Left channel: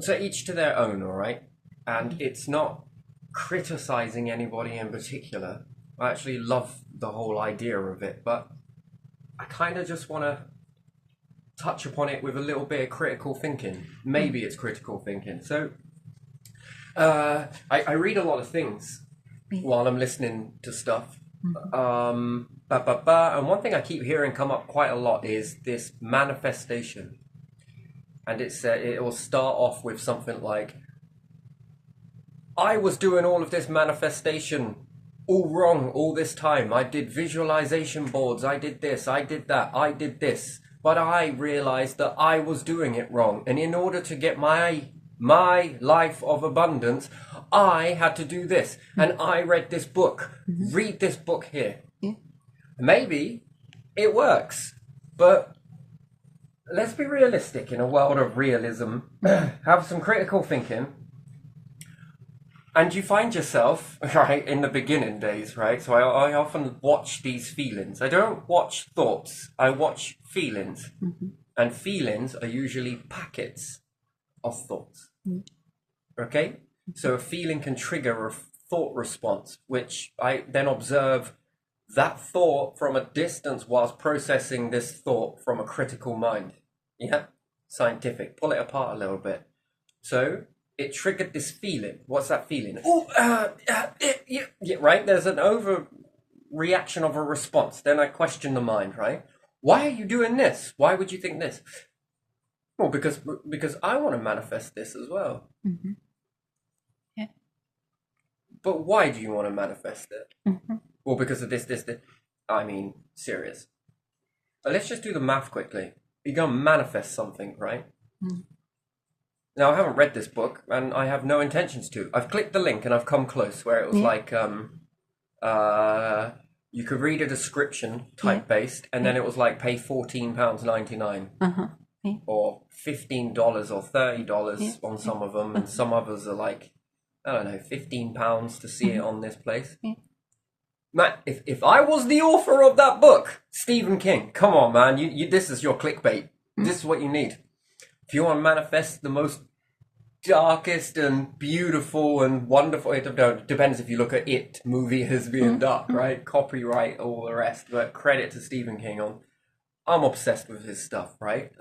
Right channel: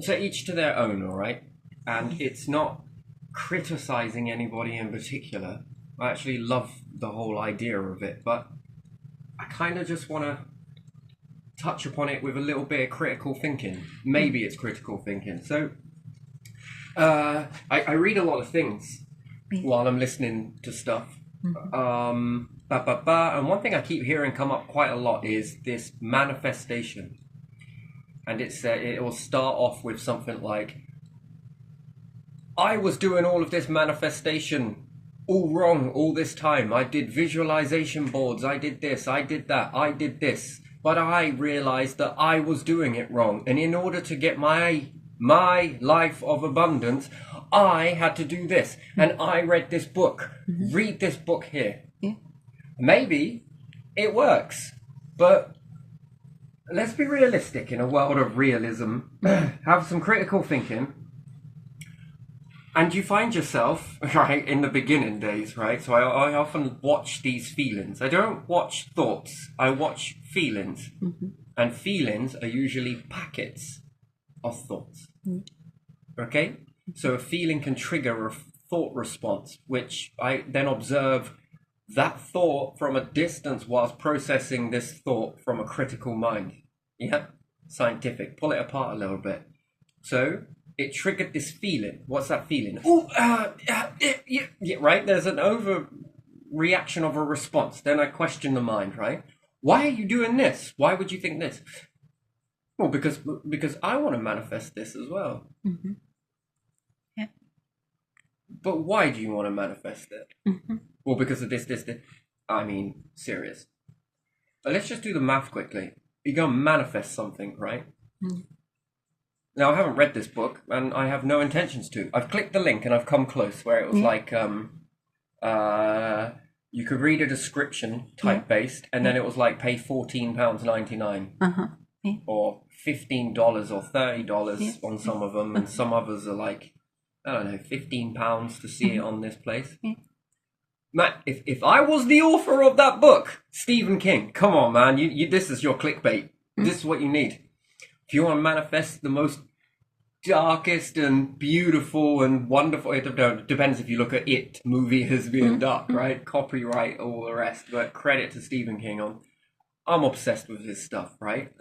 So each to their own, all right? And it's not criticizing anybody in particular. I actually love the whole idea of it, but I kind of just want to touch upon it with a little bit of critical thinking. Maybe it's critical thinking. So I read a lot of things while I'm listening to stuff. And one thing I keep hearing come up quite a lot is this manifestation. And it will start off with something like, I was doing all of this manifestation all wrong all this time. I did visualization boards. I did this. I did that. I did this. But I realized that I was doing it wrong. And in order to get my life of abundance, I had to do this. And I read this book. Read this book here. Yeah. Maybe it works. But let's be realistic in a world of realism. Have some critical thinking. And you find yourself, right, in the beginning days, right? So I often watch these feelings. I don't watch thoughts. I watch feelings. And feelings are usually packets of thoughts. Okay? So a feeling can trigger a thought response, which I then observe that thought from a distance whilst processing this thought from a critical mind. Yeah? Scientific. Pull it apart a little bit. So it triggered this feeling. What's that feeling? Oh, yeah, right? There's an overreaction of a response. Then I question the mind, right? Why are you doing this? Why would you think this? Well, because I want to manifest this as well. Yeah. But why do you want to manifest it? Well, because of this. I mean, serious. But let's just do the math quickly. You're going to manifest something, right? Now, I haven't read this book, and I have no intentions to. I've clicked the link, and I've come close, where it was like, you could read a description, type-based, and then it was like, pay £14.99. Or $15 or $30 on some of them, and some others are like, I don't know, £15 to see it on this place. Matt, if I was the author of that book, Stephen King, come on, man, you this is your clickbait. This is what you need. If you want to manifest the most darkest and beautiful and wonderful, it depends if you look at It movie as being dark, right? Copyright, all the rest, but credit to Stephen King on. I'm obsessed with his stuff, right?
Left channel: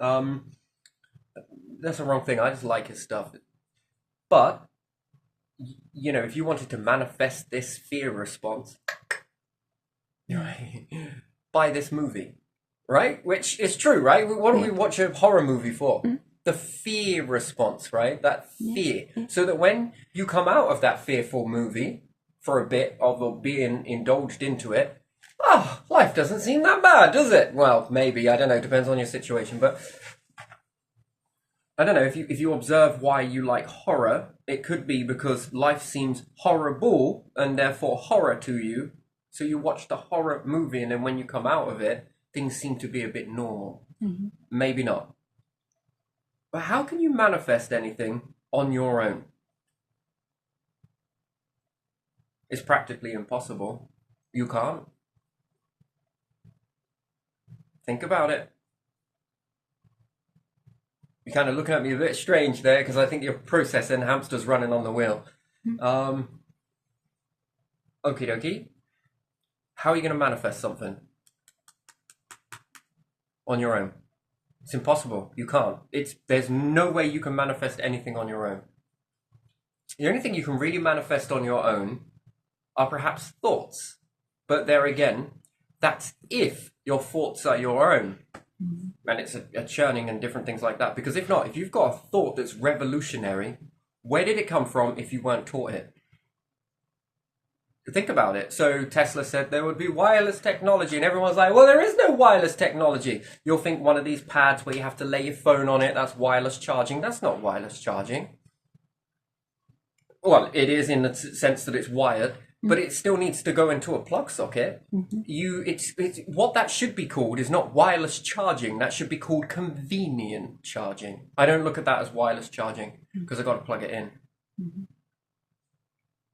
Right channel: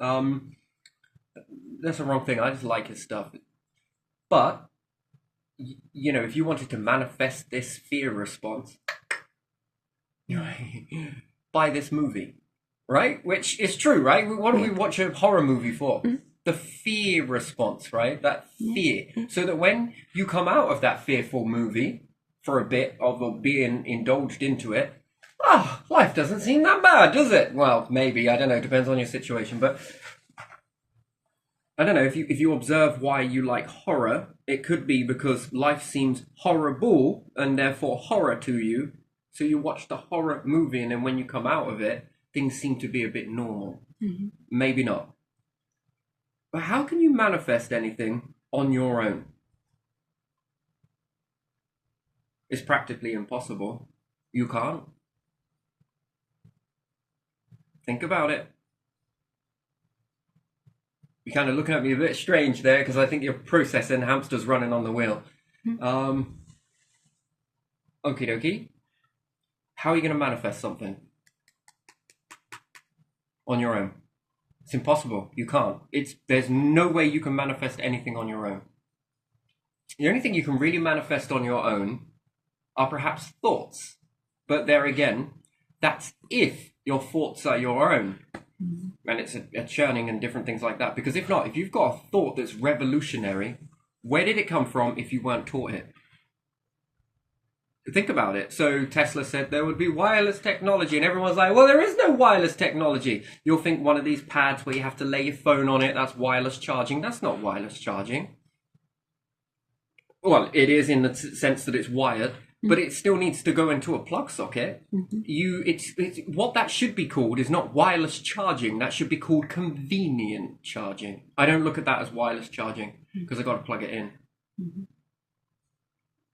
That's the wrong thing. I just like his stuff. But, you know, if you wanted to manifest this fear response, buy this movie, right? Which is true, right? What do we watch a horror movie for? The fear response, right? That fear. So that when you come out of that fearful movie for a bit of being indulged into it, life doesn't seem that bad, does it? Well, maybe, I don't know, depends on your situation, but I don't know, if you observe why you like horror, it could be because life seems horrible and therefore horror to you. So you watch the horror movie and then when you come out of it, things seem to be a bit normal. Maybe not. But how can you manifest anything on your own? It's practically impossible. You can't. Think about it. You're kind of looking at me a bit strange there because I think you're processing hamsters running on the wheel. Okie dokie. How are you going to manifest something on your own? It's impossible. You can't. There's no way you can manifest anything on your own. The only thing you can really manifest on your own are perhaps thoughts. But there again, that's if your thoughts are your own. And it's a churning and different things like that. Because if not, if you've got a thought that's revolutionary, where did it come from if you weren't taught it? Think about it. So Tesla said there would be wireless technology and everyone's like, well, there is no wireless technology. You'll think one of these pads where you have to lay your phone on it, that's wireless charging. That's not wireless charging. Well, it is in the sense that it's wired, but it still needs to go into a plug socket. It's what that should be called is not wireless charging. That should be called convenient charging. I don't look at that as wireless charging because I got to plug it in.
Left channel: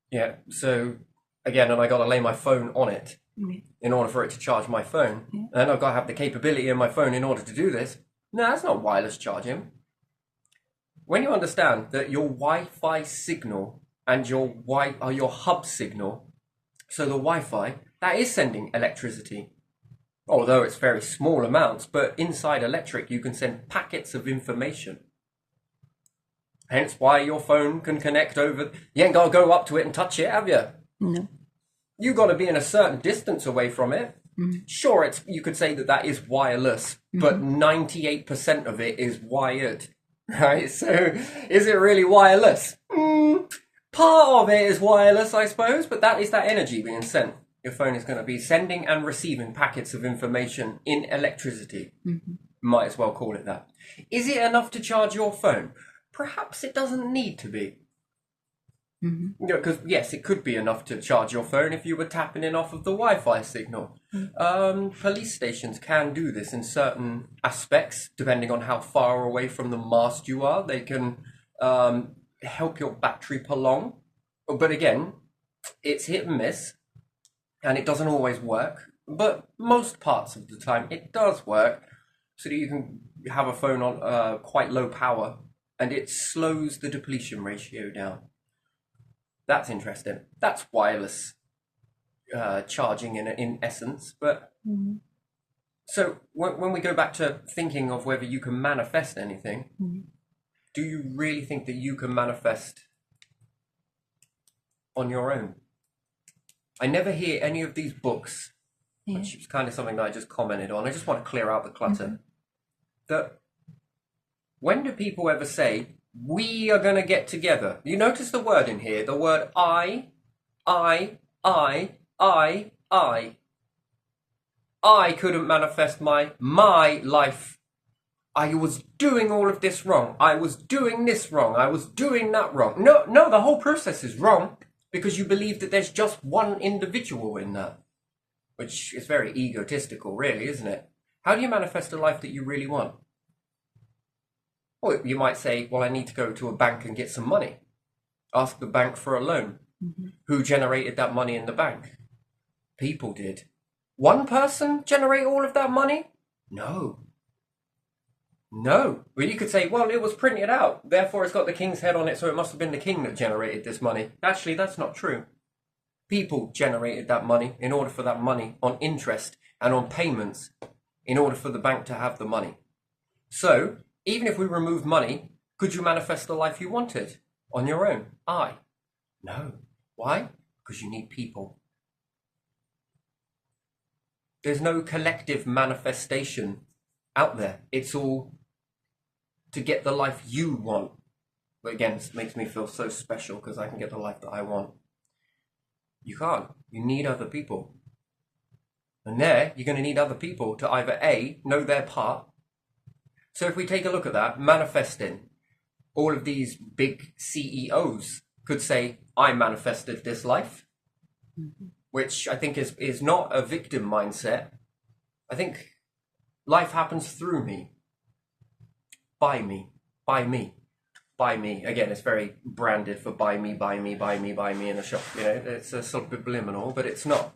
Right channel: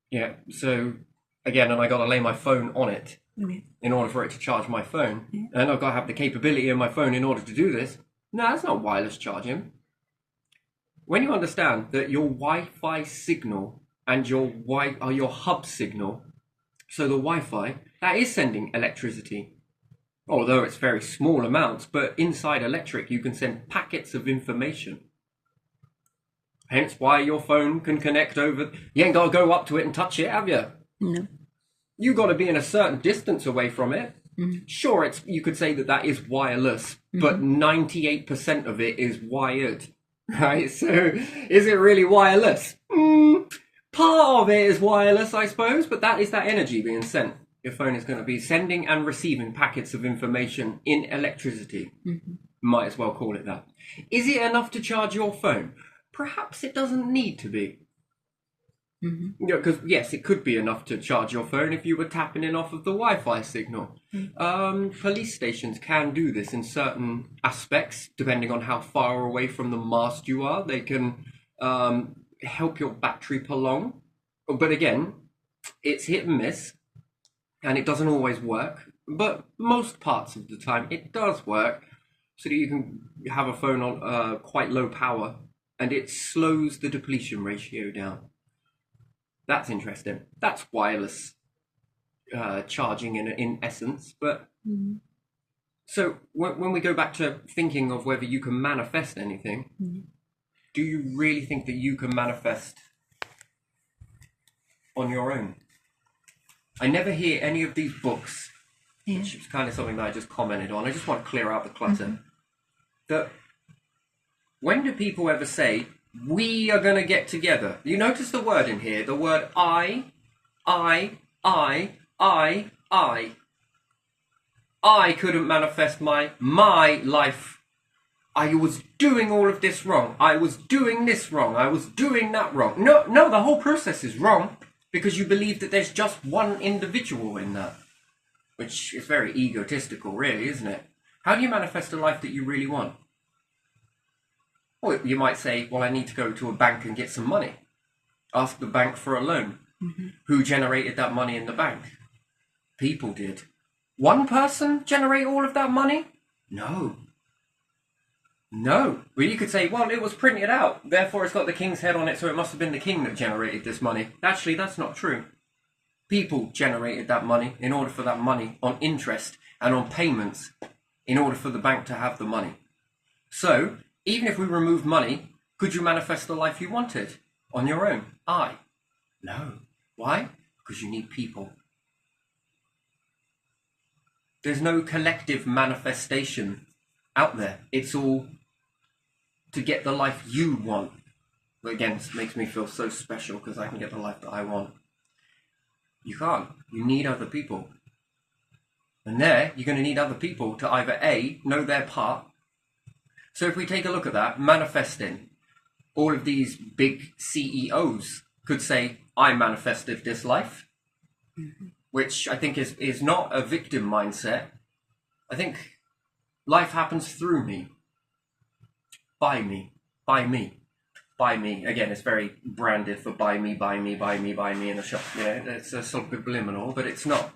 Yeah, so again, and I got to lay my phone on it in order for it to charge my phone. And I've got to have the capability in my phone in order to do this. No, that's not wireless charging. when you understand that your Wi-Fi signal and your hub signal, so the Wi-Fi, that is sending electricity. Although it's very small amounts, but inside electric you can send packets of information. Hence why your phone can connect over. You ain't got to go up to it and touch it, have you? No. You got to be in a certain distance away from it. Sure, you could say that is wireless, but 98% of it is wired, right? So is it really wireless? Part of it is wireless, I suppose, but that is that energy being sent. Your phone is going to be sending and receiving packets of information in electricity. Might as well call it that. Is it enough to charge your phone? Perhaps it doesn't need to be. Because yes, it could be enough to charge your phone if you were tapping in off of the Wi-Fi signal. Police stations can do this in certain aspects, depending on how far away from the mast you are. They can help your battery prolong. But again, it's hit and miss, and it doesn't always work. But most parts of the time, it does work, so that you can have a phone on quite low power, and it slows the depletion ratio down. That's interesting. That's wireless charging in essence. But so when we go back to thinking of whether you can manifest anything, do you really think that you can manifest on your own? I never hear any of these books, which is kind of something that I just commented on. I just want to clear out the clutter. That when do people ever say, we are going to get together? You notice the word in here, the word I couldn't manifest my life. I was doing all of this wrong. I was doing this wrong. I was doing that wrong. No, the whole process is wrong because you believe that there's just one individual in that, which is very egotistical, really, isn't it? How do you manifest a life that you really want? Well, you might say, well, I need to go to a bank and get some money. Ask the bank for a loan. Who generated that money in the bank? People did. One person generate all of that money? No. Well, you could say, well, it was printed out, therefore it's got the king's head on it, so it must have been the king that generated this money. Actually, that's not true. People generated that money in order for that money on interest and on payments in order for the bank to have the money. So, even if we remove money, could you manifest the life you wanted on your own? No. Why? Because you need people. There's no collective manifestation out there. It's all to get the life you want. But again, it makes me feel so special because I can get the life that I want. You can't. You need other people. And there, you're going to need other people to either A, know their part. So if we take a look at that, manifesting, all of these big CEOs could say, I manifested this life, which I think is not a victim mindset. I think life happens through me, by me. Again, it's very branded for buy me in the shop. Yeah, it's a sort of subliminal, but it's not.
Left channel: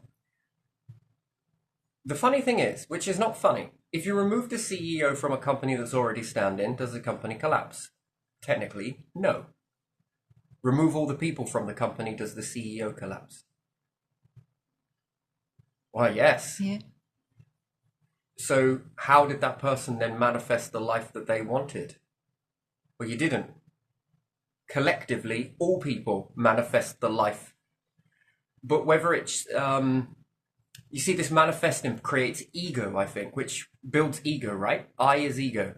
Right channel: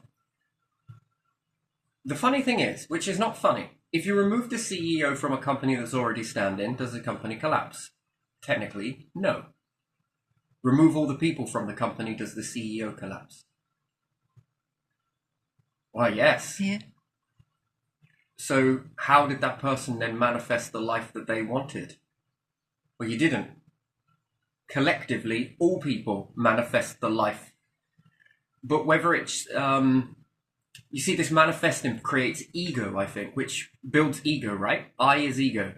The funny thing is, which is not funny, if you remove the CEO from a company that's already standing, does the company collapse? Technically, no. Remove all the people from the company, does the CEO collapse? Well, yes. Yeah. So how did that person then manifest the life that they wanted? Well, you didn't. Collectively, all people manifest the life. But whether it's... you see, this manifesting creates ego, I think, which builds ego, right? I is ego.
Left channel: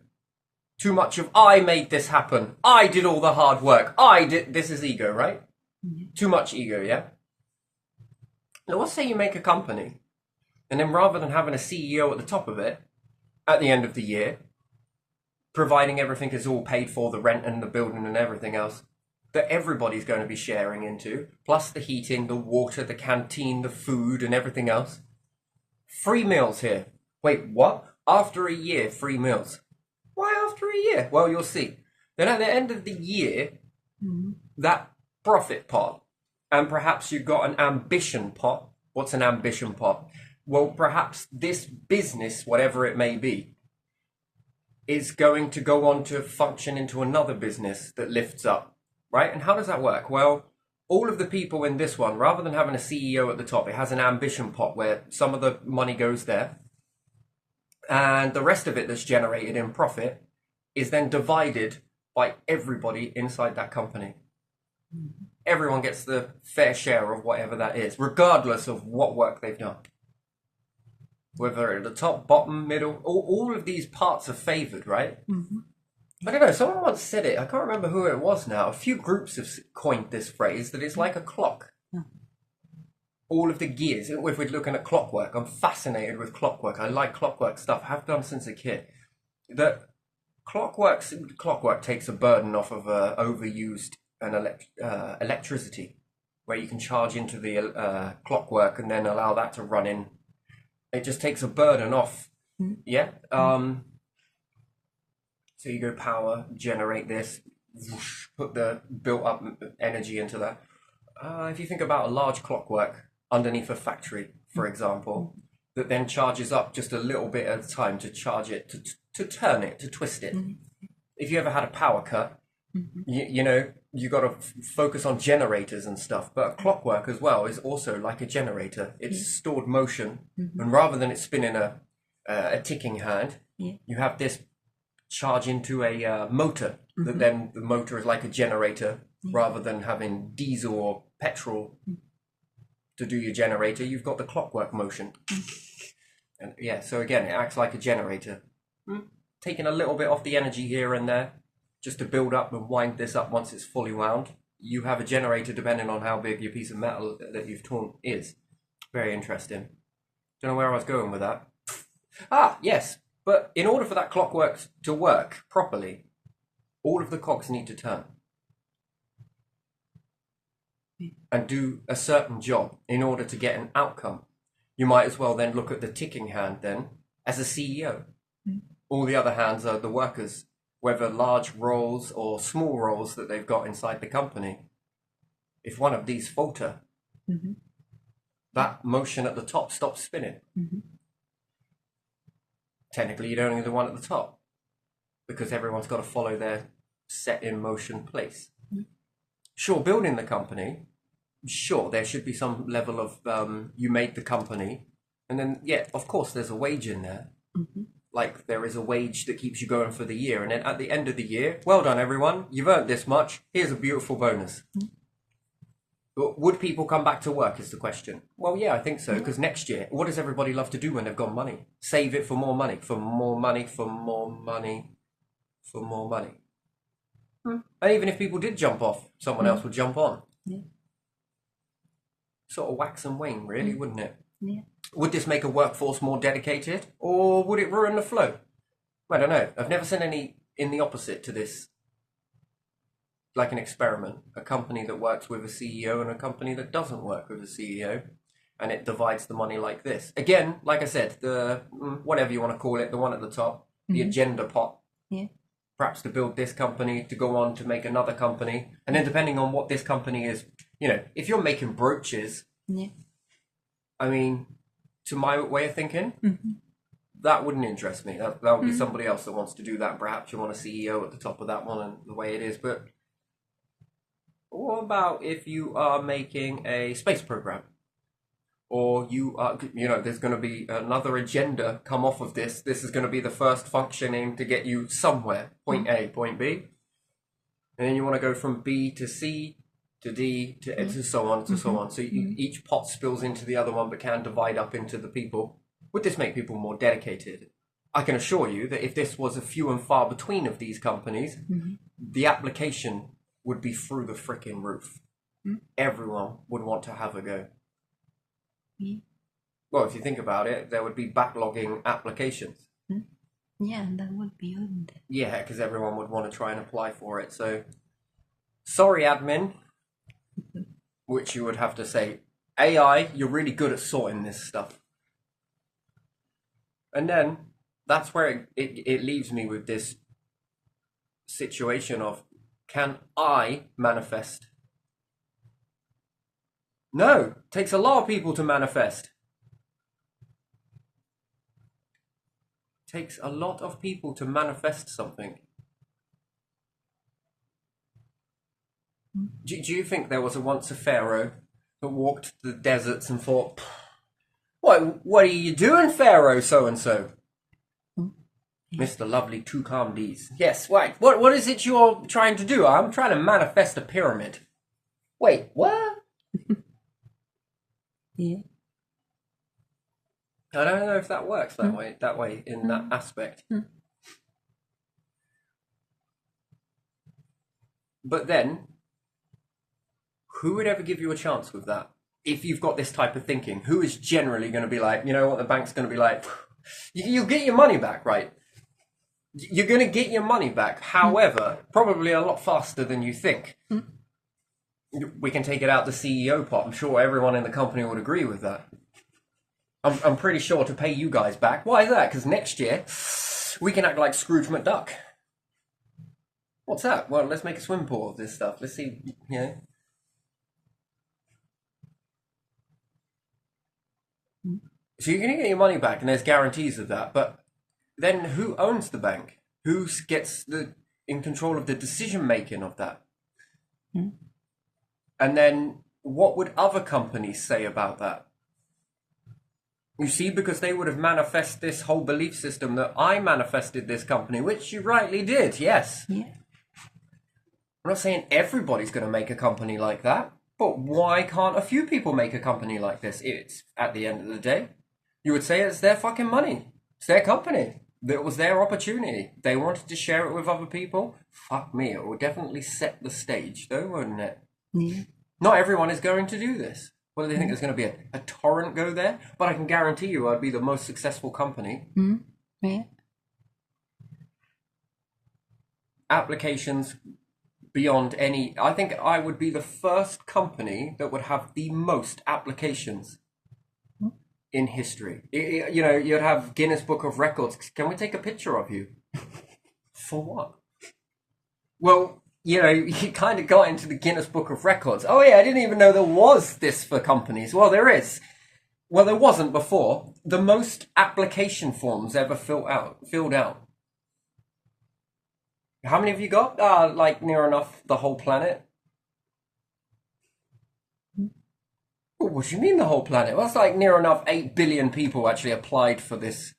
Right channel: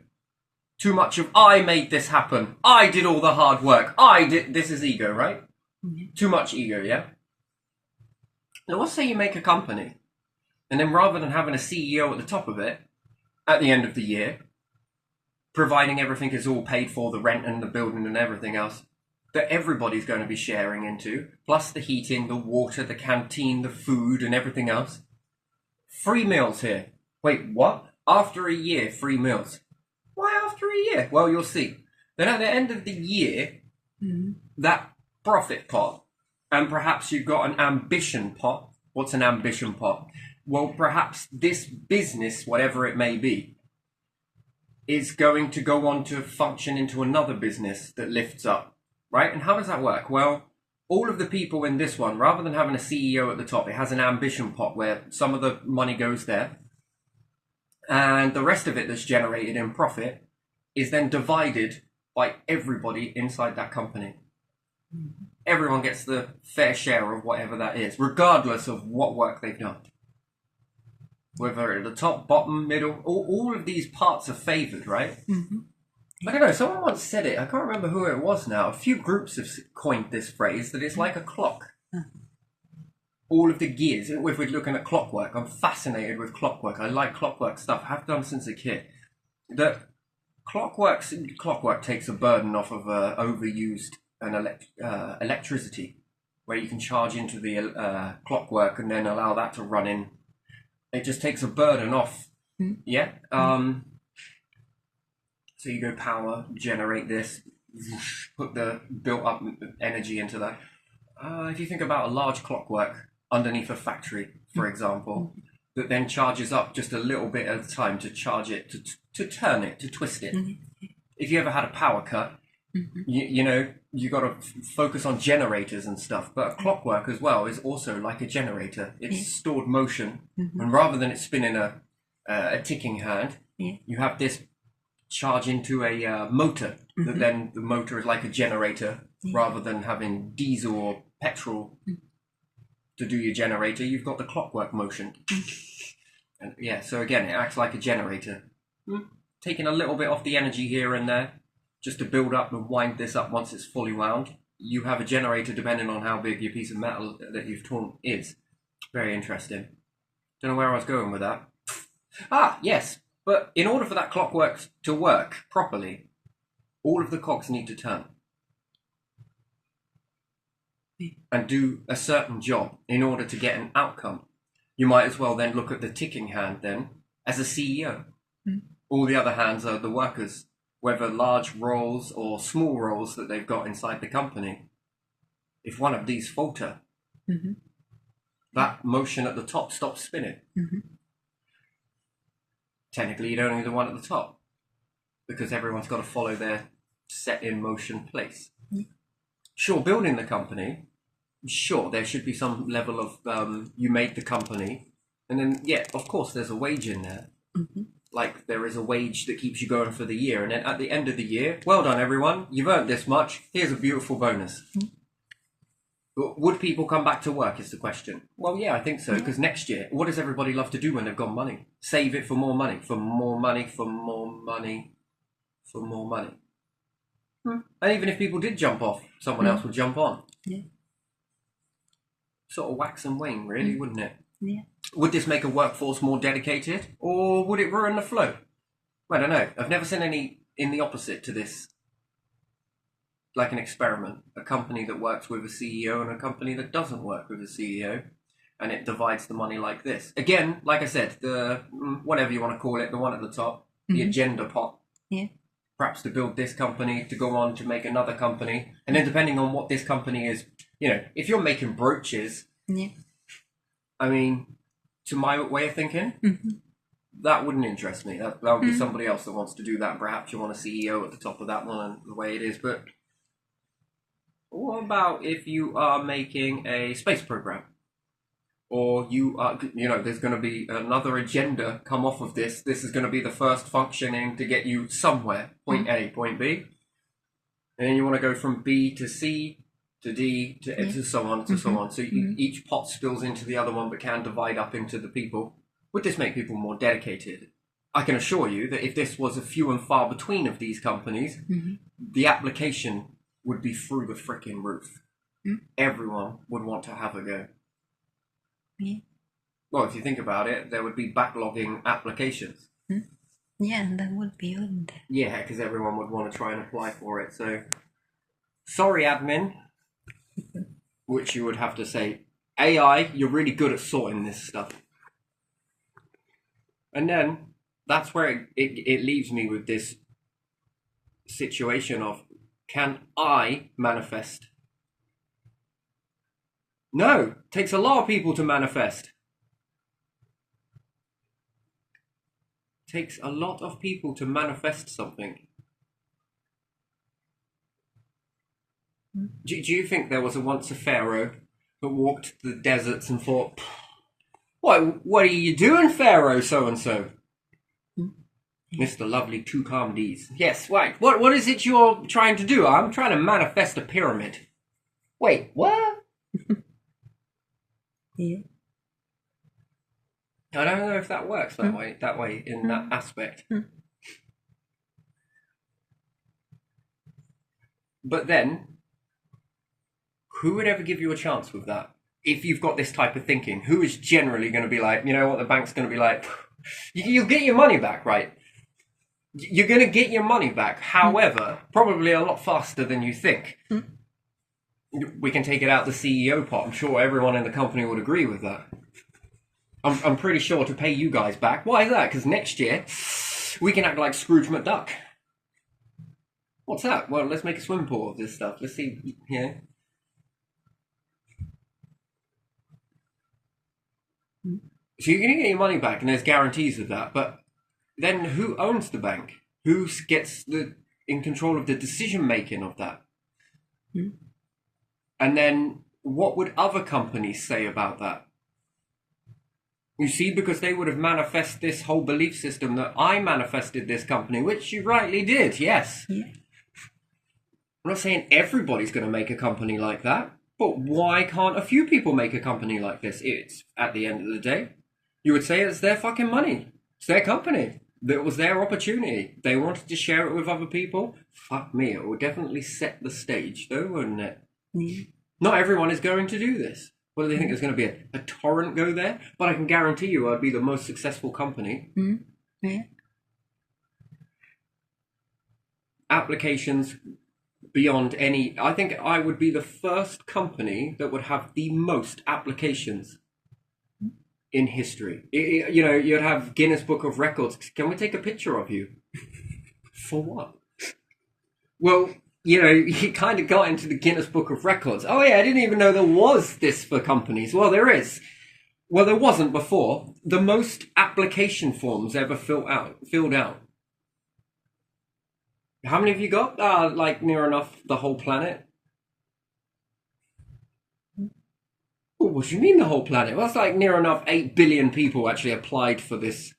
Too much of I made this happen. I did all the hard work. This is ego, right? Too much ego, yeah? Now, let's say you make a company, and then rather than having a CEO at the top of it, at the end of the year, providing everything is all paid for, the rent and the building and everything else, that everybody's going to be sharing into, plus the heating, the water, the canteen, the food and everything else. Free meals here. Wait, what? After a year, free meals. Why after a year? Well, you'll see. Then at the end of the year, that profit pot, and perhaps you've got an ambition pot. What's an ambition pot? Well, perhaps this business, whatever it may be, is going to go on to function into another business that lifts up, right? And how does that work? Well, all of the people in this one, rather than having a CEO at the top, it has an ambition pot where some of the money goes there, and the rest of it that's generated in profit is then divided by everybody inside that company. Everyone gets the fair share of whatever that is, regardless of what work they've done. Whether at the top, bottom, middle, all of these parts are favored, right? Mm-hmm. I don't know, someone once said it, I can't remember who it was now. A few groups have coined this phrase, that it's like a clock. All of the gears, if we're looking at clockwork, I'm fascinated with clockwork. I like clockwork stuff, have done since a kid. That clockwork takes a burden off of overused electricity, where you can charge into the clockwork and then allow that to run in. It just takes a burden off. Yeah. So you go power, generate this, put the built up energy into that. If you think about a large clockwork underneath a factory, for example, that then charges up just a little bit at a time to charge it, to turn it, to twist it. If you ever had a power cut, you know, you got to focus on generators and stuff. But a clockwork as well is also like a generator. It's stored motion, and rather than it spinning a ticking hand, you have this charge into a motor. That then the motor is like a generator, rather than having diesel or petrol to do your generator. You've got the clockwork motion, and so again, it acts like a generator, taking a little bit off the energy here and there, just to build up and wind this up. Once it's fully wound, you have a generator depending on how big your piece of metal that you've torn is. Very interesting. Don't know where I was going with that. Yes, but in order for that clockwork to work properly, all of the cogs need to turn and do a certain job in order to get an outcome. You might as well then look at the ticking hand then as a CEO. All the other hands are the workers, whether large roles or small roles that they've got inside the company. If one of these falter, that motion at the top stops spinning. Technically, you don't need the one at the top, because everyone's got to follow their set in motion place. Sure, building the company, sure, there should be some level of you made the company, and then of course there's a wage in there. Like there is a wage that keeps you going for the year, and then at the end of the year, well done everyone, you've earned this much, here's a beautiful bonus. But would people come back to work is the question. Well, yeah, I think so, because next year, what does everybody love to do when they've got money? Save it for more money, for more money, for more money, for more money. And even if people did jump off, someone else would jump on. Sort of wax and wane, really, wouldn't it? Would this make a workforce more dedicated, or would it ruin the flow? I don't know. I've never seen any in the opposite to this, like an experiment. A company that works with a CEO and a company that doesn't work with a CEO, and it divides the money like this. Again, like I said, the whatever you want to call it, the one at the top, the agenda pot. Perhaps to build this company, to go on to make another company, and then depending on what this company is, you know, if you're making brooches, I mean, to my way of thinking, that wouldn't interest me. That would be somebody else that wants to do that. Perhaps you want a CEO at the top of that one and the way it is. But what about if you are making a space program? Or you are, you know, there's going to be another agenda come off of this. This is going to be the first functioning to get you somewhere, point A, point B. And then you want to go from B to C to D to so on, to so on. So each pot spills into the other one, but can divide up into the people. Would this make people more dedicated? I can assure you that if this was a few and far between of these companies, the application would be through the freaking roof. Everyone would want to have a go. Well, if you think about it, there would be backlogging applications. That would be good. Yeah, because everyone would want to try and apply for it. So, sorry, admin, which you would have to say, AI, you're really good at sorting this stuff. And then that's where it leaves me with this situation of, can I manifest? No, it takes a lot of people to manifest. takes a lot of people to manifest something. Do you think there was once a pharaoh that walked the deserts and thought, what are you doing, Pharaoh so-and-so? Mr. Lovely Tutankhamun. Yes, right. What is it you're trying to do? I'm trying to manifest a pyramid. Wait, what? Yeah. I don't know if that works that way in that aspect. But then, who would ever give you a chance with that? If you've got this type of thinking, who is generally going to be like, you know what, the bank's going to be like, you'll get your money back, right? You're going to get your money back. However, probably a lot faster than you think. We can take it out the CEO pot. I'm sure everyone in the company would agree with that. I'm pretty sure to pay you guys back. Why is that? Because next year, we can act like Scrooge McDuck. What's that? Well, let's make a swim pool of this stuff. Let's see, you know. So you're going to get your money back, and there's guarantees of that. But then who owns the bank? Who gets in control of the decision-making of that? And then what would other companies say about that? You see, because they would have manifested this whole belief system that I manifested this company, which you rightly did, yes. Yeah. I'm not saying everybody's going to make a company like that, but why can't a few people make a company like this? It's, at the end of the day, you would say it's their fucking money. It's their company. That was their opportunity. They wanted to share it with other people. Fuck me, it would definitely set the stage, though, wouldn't it? Yeah. Not everyone is going to do this. What do they think? There's going to be a torrent go there? But I can guarantee you I'd be the most successful company. Yeah. Applications beyond any... I think I would be the first company that would have the most applications in history. You know, you'd have Guinness Book of Records. Can we take a picture of you? For what? Well... You know, he kind of got into the Guinness Book of Records. Oh yeah, I didn't even know there was this for companies. Well, there is. Well, there wasn't before. The most application forms ever filled out. How many have you got? Like near enough the whole planet. Well, what do you mean the whole planet? Well, that's like near enough 8 billion people actually applied for this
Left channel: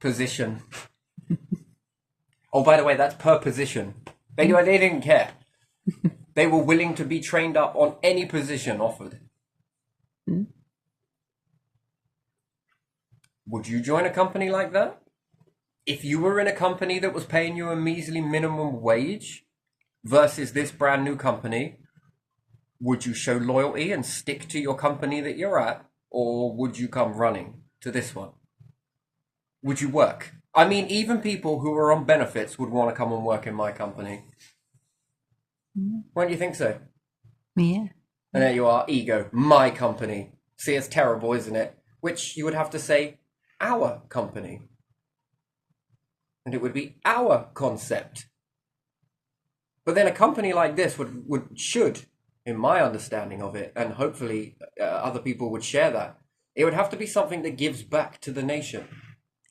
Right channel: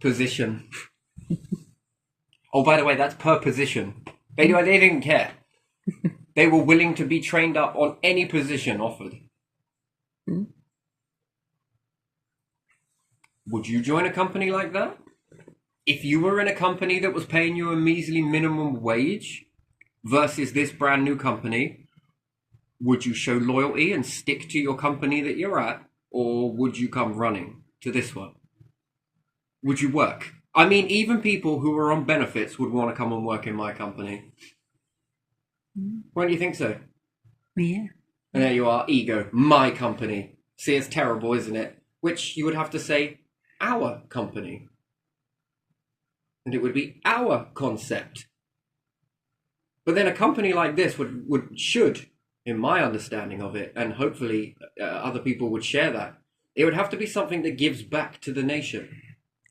position. Oh, by the way, that's per position. They didn't care. They were willing to be trained up on any position offered. Would you join a company like that? If you were in a company that was paying you a measly minimum wage versus this brand new company, would you show loyalty and stick to your company that you're at? Or would you come running to this one? Would you work? I mean, even people who are on benefits would want to come and work in my company. Why don't you think so? Yeah. And there you are, ego, my company. See, it's terrible, isn't it? Which you would have to say, our company. And it would be our concept. But then a company like this should, in my understanding of it, and hopefully other people would share that, it would have to be something that gives back to the nation.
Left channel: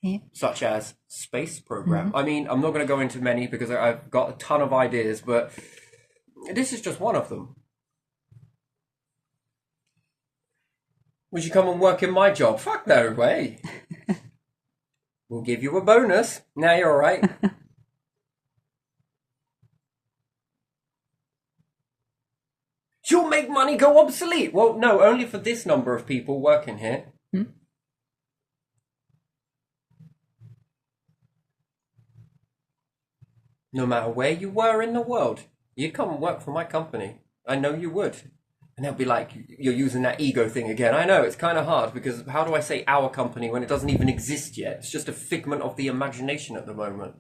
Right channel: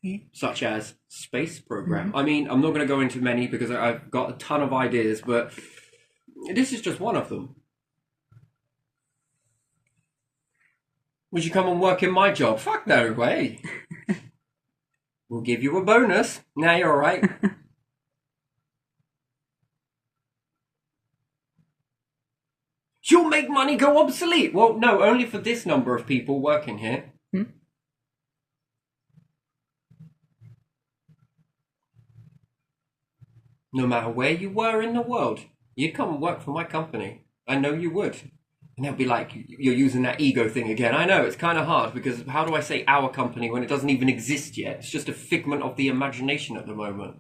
Yeah. Such as space program. I mean, I'm not going to go into many because I've got a ton of ideas, but this is just one of them. Would you come and work in my job? Fuck no way. We'll give you a bonus. Now you're all right. You'll make money go obsolete. Well, no, only for this number of people working here. No matter where you were in the world, you'd come and work for my company. I know you would. And they'll be like, you're using that ego thing again. I know, it's kind of hard because how do I say our company when it doesn't even exist yet? It's just a figment of the imagination at the moment.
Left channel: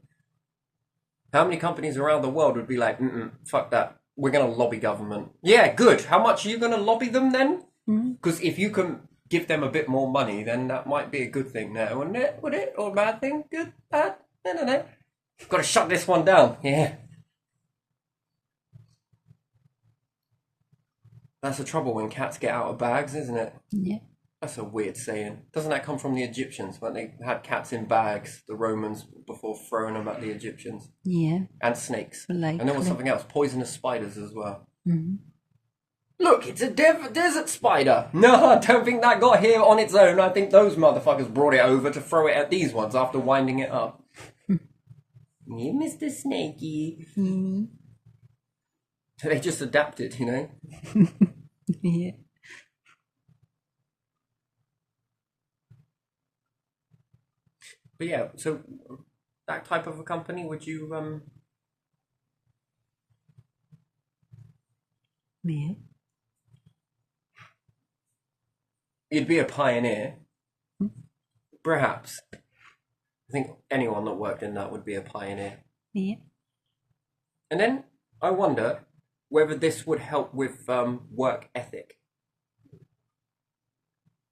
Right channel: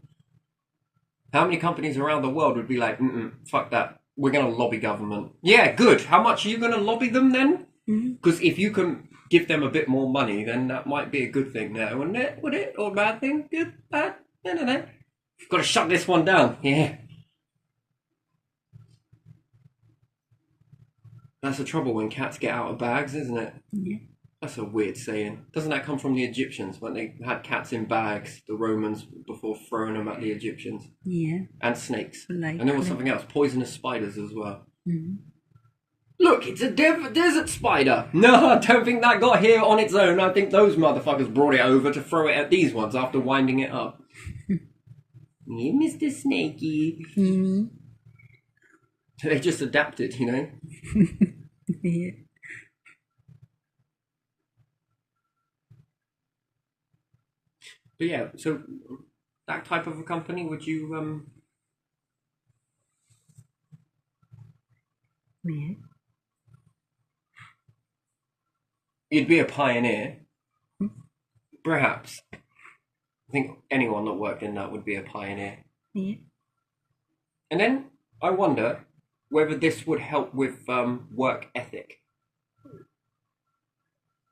How many companies around the world would be like, fuck that. We're going to lobby government. Yeah, good. How much are you going to lobby them then? Because if you can give them a bit more money, then that might be a good thing now, wouldn't it? Would it? Or a bad thing? Good? Bad? No. Got to shut this one down. Yeah. That's the trouble when cats get out of bags, isn't it? Yeah. That's a weird saying. Doesn't that come from the Egyptians when they had cats in bags, the Romans, before throwing them at the Egyptians? Yeah. And snakes. Like, And there was something else, poisonous spiders as well. Mhm. Look, it's a desert spider. No, I don't think that got here on its own. I think those motherfuckers brought it over to throw it at these ones after winding it up. You, Mr. Snakey. Mhm. They just adapted, you know? Yeah. But yeah, so that type of a company, would you, Yeah. you'd be a pioneer, Hmm. perhaps. I think anyone that worked in that would be a pioneer. Yeah. And then I wonder whether this would help with work ethic.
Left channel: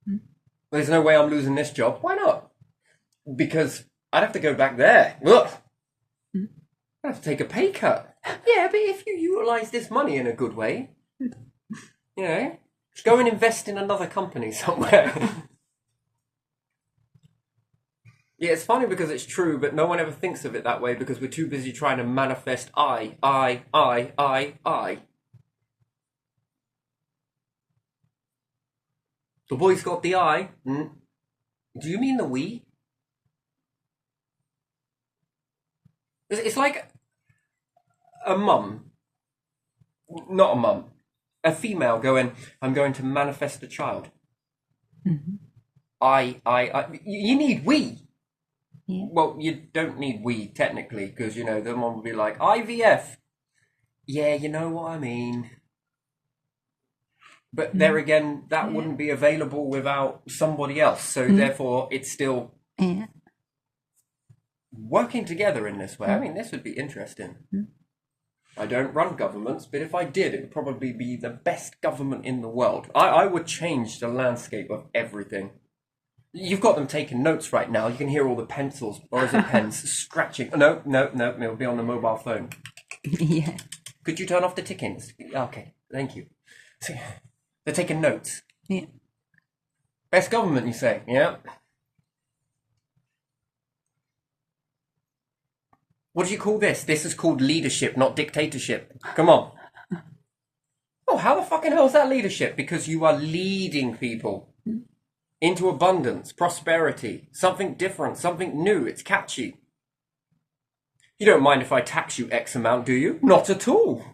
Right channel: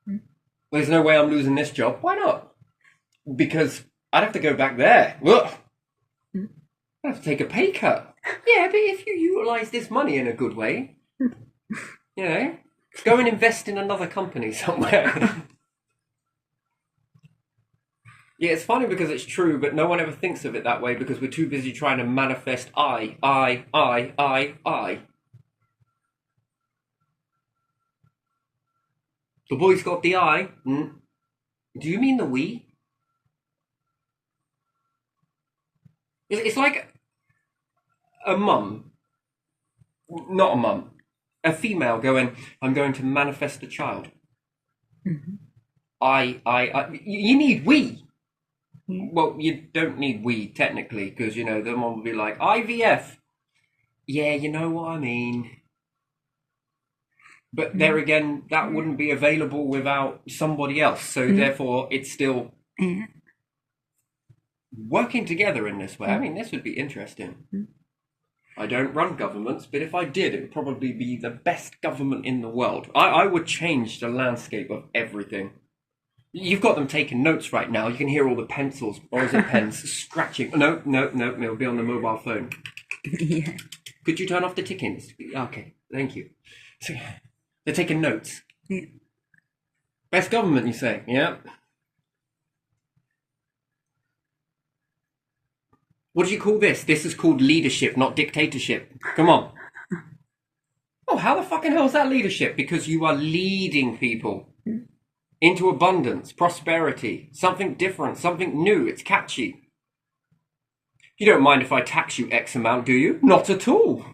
Hmm. There's no way I'm losing this job. Why not? Because I'd have to go back there. Ugh. Hmm. I'd have to take a pay cut. Yeah, but if you utilise this money in a good way, you know, go and invest in another company somewhere. Yeah, it's funny because it's true, but no one ever thinks of it that way because we're too busy trying to manifest I. The boy's got the I. Do you mean the we? It's like a mum, not a mum, a female going, I'm going to manifest a child. Mhm. You need we. Yeah. Well, you don't need we technically because, you know, the one will be like, IVF. Yeah, you know what I mean. But there again, that wouldn't be available without somebody else. So therefore, it's still Yeah. working together in this way. I mean, this would be interesting. I don't run governments, but if I did, it would probably be the best government in the world. I would change the landscape of everything. You've got them taking notes right now. You can hear all the pencils, or is it pens, scratching. No, it'll be on the mobile phone. Yeah. Could you turn off the tickings? Okay, thank you. They're taking notes. Yeah. Best government, you say? Yeah. What do you call this? This is called leadership, not dictatorship. Come on. Oh, how the fucking hell is that leadership? Because you are leading people into abundance, prosperity, something different, something new. It's catchy. You don't mind if I tax you X amount, do you? Not at all.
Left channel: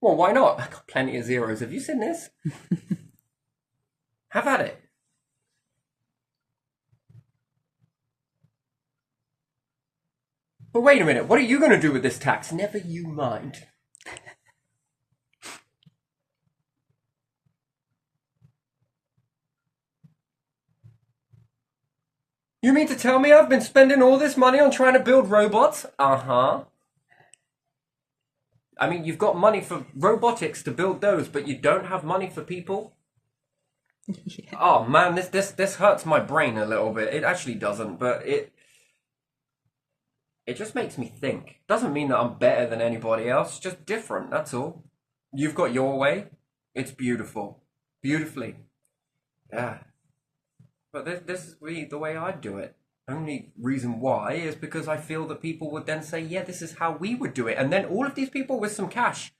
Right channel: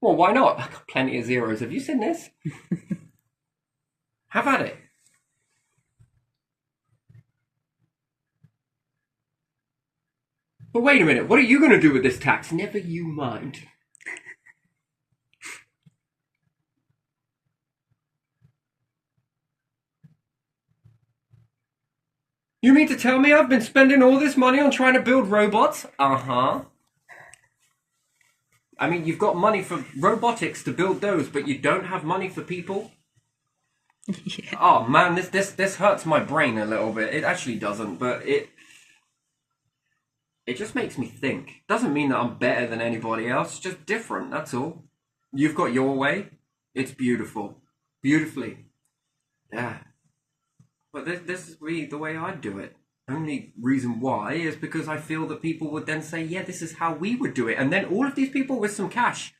Well, why not? I've got plenty of zeros. Have you seen this? Have at it. But wait a minute, what are you going to do with this tax? Never you mind. You mean to tell me I've been spending all this money on trying to build robots? Uh-huh. I mean, you've got money for robotics to build those, but you don't have money for people? Yeah. Oh man, this hurts my brain a little bit. It actually doesn't, but it just makes me think. Doesn't mean that I'm better than anybody else, it's just different, that's all. You've got your way. It's beautiful. Beautifully. Yeah. But this is really the way I'd do it. Only reason why is because I feel that people would then say, yeah, this is how we would do it. And then all of these people with some cash,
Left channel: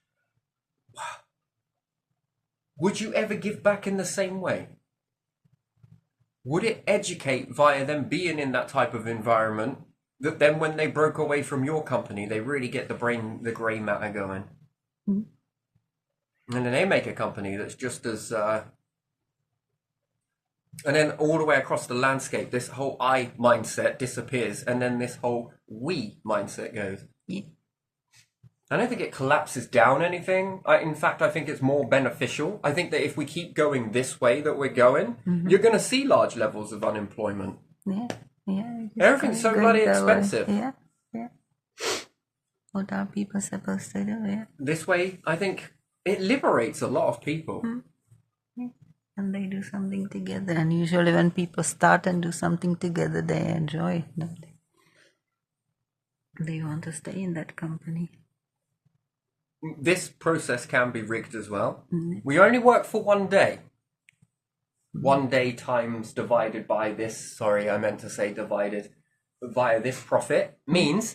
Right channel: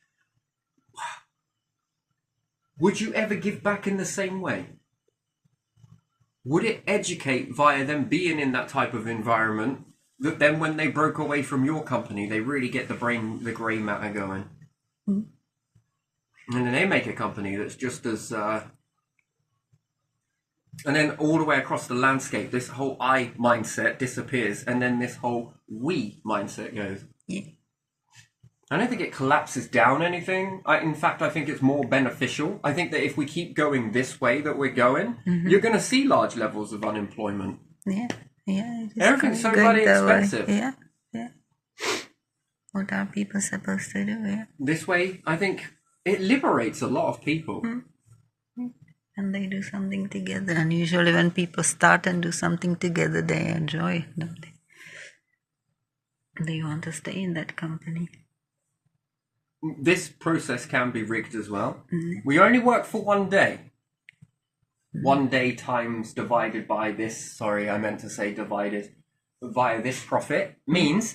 would you ever give back in the same way? Would it educate via them being in that type of environment that then when they broke away from your company, they really get the grey matter going? Mm. And then they make a company that's just as... and then all the way across the landscape, this whole I mindset disappears, and then this whole we mindset goes. Yeah. I don't think it collapses down anything. In fact, I think it's more beneficial. I think that if we keep going this way that we're going, you're going to see large levels of unemployment. Yeah. Yeah. it is Everything's so going bloody that way. expensive. Yeah. Yeah. What are people supposed to do? Yeah. This way, I think it liberates a lot of people. And they do something together. And usually when people start and do something together, they enjoy it, don't they? They want to stay in that company. This process can be rigged as well. We only work for one day. 1 day times divided by this, sorry, I meant to say divided via this profit means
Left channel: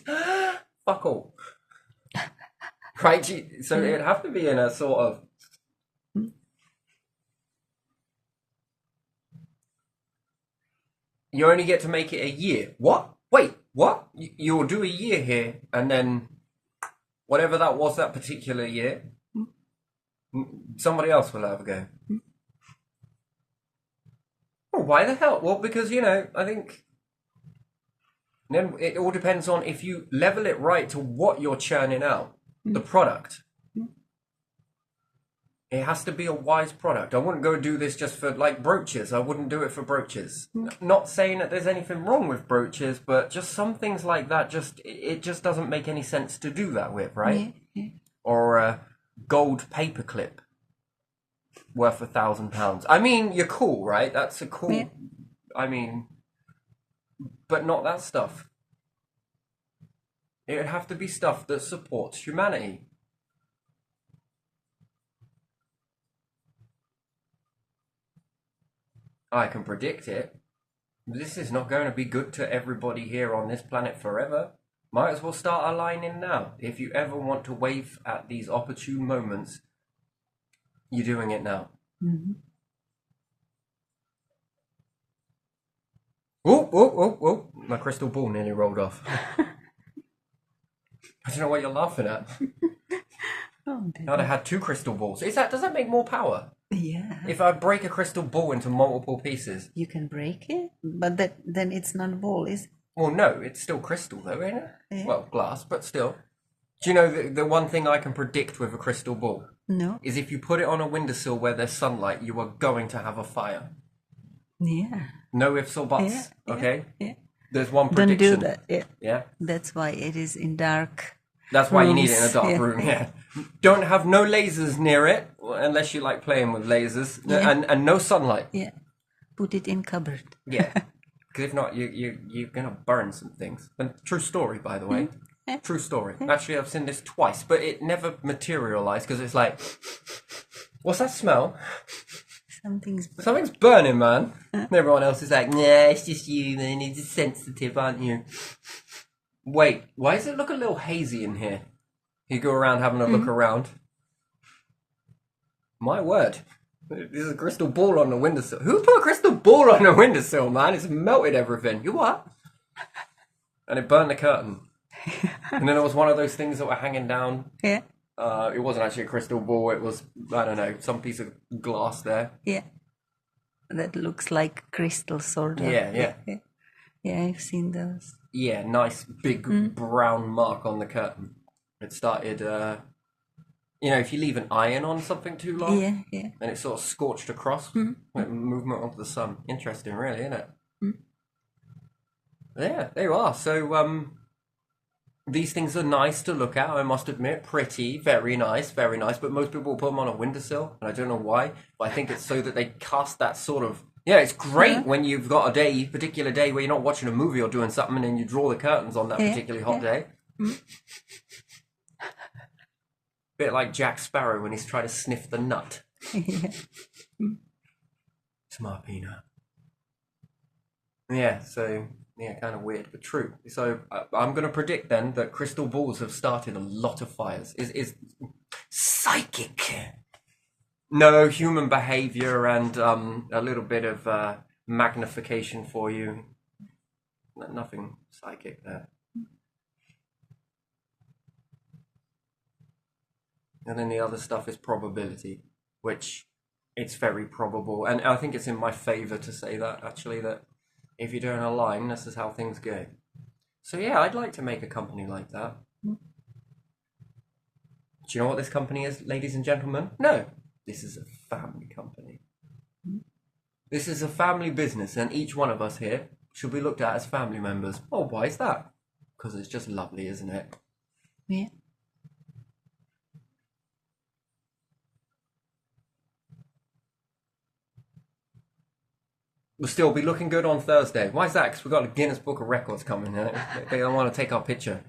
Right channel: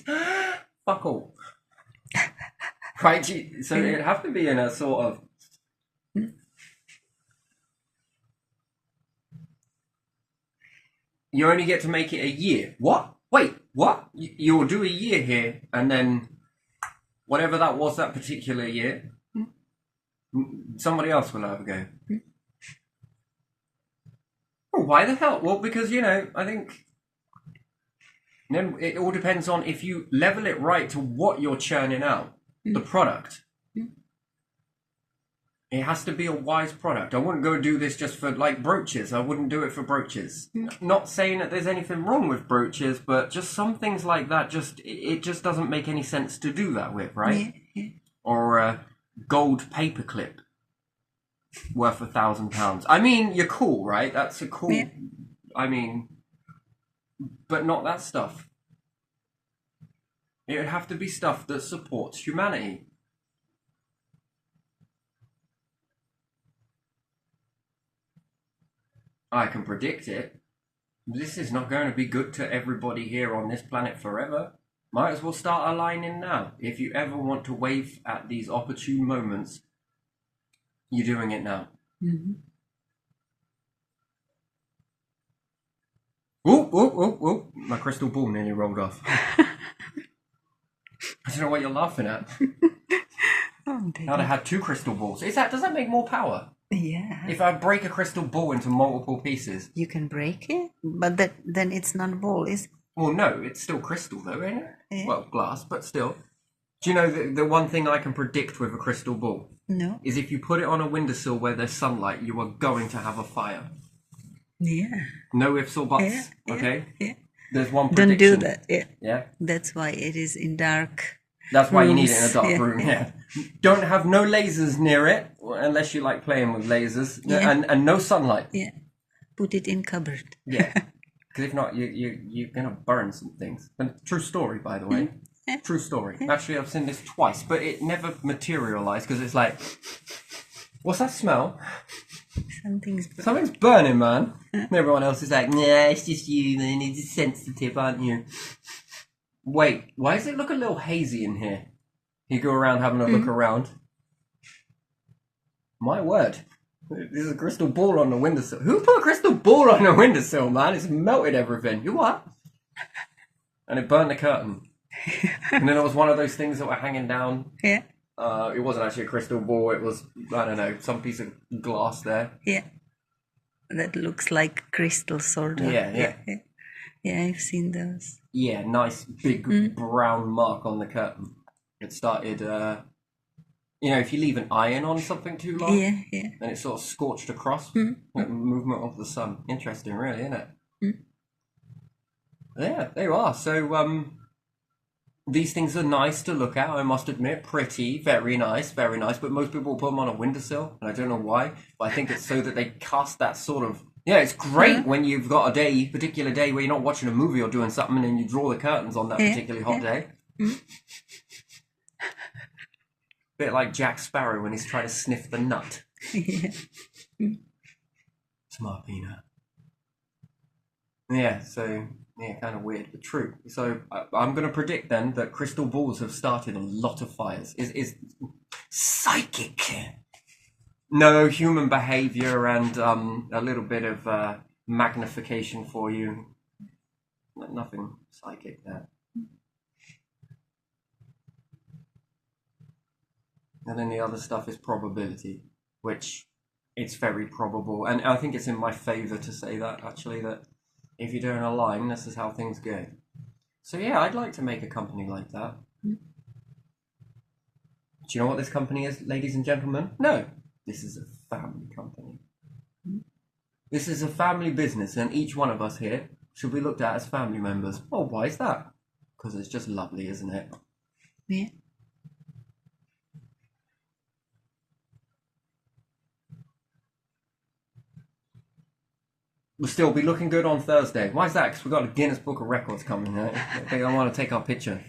fuck all. Right? So it'd have to be in a sort of you only get to make it a year. What? Wait, what? You'll do a year here, and then whatever that was that particular year, somebody else will have a go. Oh, why the hell? Well, because, I think then it all depends on if you level it right to what you're churning out, the product. It has to be a wise product. I wouldn't go do this just for like brooches. I wouldn't do it for brooches. Not saying that there's anything wrong with brooches, but just some things like that, it just doesn't make any sense to do that with, right? Yeah. Or a gold paperclip worth £1,000. I mean, you're cool, right? That's a cool. Yeah. I mean, but not that stuff. It would have to be stuff that supports humanity. I can predict it. This is not going to be good to everybody here on this planet forever. Might as well start aligning now. If you ever want to wave at these opportune moments, you're doing it now. Oh, my crystal ball nearly rolled off. I don't know what you're laughing at. I'd have had 2 crystal balls. Does that make more power? Yeah. If I break a crystal ball into multiple pieces. You can break it, but then it's not ball, is it? Well, no, it's still crystal though, ain't it? Yeah. Well, glass, but still. Do you know the one thing I can predict with a crystal ball No. is if you put it on a windowsill where there's sunlight, you are going to have a fire. Yeah. No ifs or buts, Yeah, okay? Yeah. There's one Don't prediction. do that. Yeah. Yeah? That's why it is in dark. That's why you need it in a rooms. dark Yeah. room, yeah. Don't have no lasers near it, unless you like playing with lasers, Yeah. and no sunlight. Yeah. Put it in cupboard. Yeah. Because if not, you're going to burn some things. And true story, by the way. Yeah. True story. Actually, I've seen this twice, but it never materialized because it's like, what's that smell? Something's burning, man. And everyone else is like, nah, it's just you, man. You're just sensitive, aren't you? Wait, why does it look a little hazy in here? You go around having a look around. My word. There's a crystal ball on the windowsill. Who put a crystal ball on the windowsill, man? It's melted everything. You what? And it burned the curtain. And then it was one of those things that were hanging down. Yeah. It wasn't actually a crystal ball. It was, I don't know, some piece of glass there. Yeah. That looks like crystal, sort of. Yeah. Yeah, I've seen those. Yeah, nice big brown mark on the curtain. It started, if you leave an iron on something too long, Yeah. and it sort of scorched across with movement of the sun. Interesting, really, isn't it? Yeah, there you are. So, these things are nice to look at, I must admit. Pretty, very nice, but most people put them on a windowsill, and I don't know why, but I think it's so that they cast that sort of... Yeah, it's great when you've got a particular day where you're not watching a movie or doing something and you draw the curtains on that particularly hot day. Bit like Jack Sparrow when he's trying to sniff the nut. Yeah. Smart peanut. Yeah, so... Yeah, kind of weird, but true. So I'm going to predict then that crystal balls have started a lot of fires. Is psychic. No, human behavior and a little bit of magnification for you. Nothing psychic there. And then the other stuff is probability, which it's very probable. And I think it's in my favor to say that, actually, that if you're doing a line, this is how things go. So yeah, I'd like to make a company like that. Do you know what this company is, ladies and gentlemen? No, this is a family company. This is a family business, and each one of us here should be looked at as family members. Oh, why is that? Because it's just lovely, isn't it? Yeah. We'll still be looking good on Thursday. Why is that? Because we've got a Guinness Book of Records coming. They don't want to take our picture.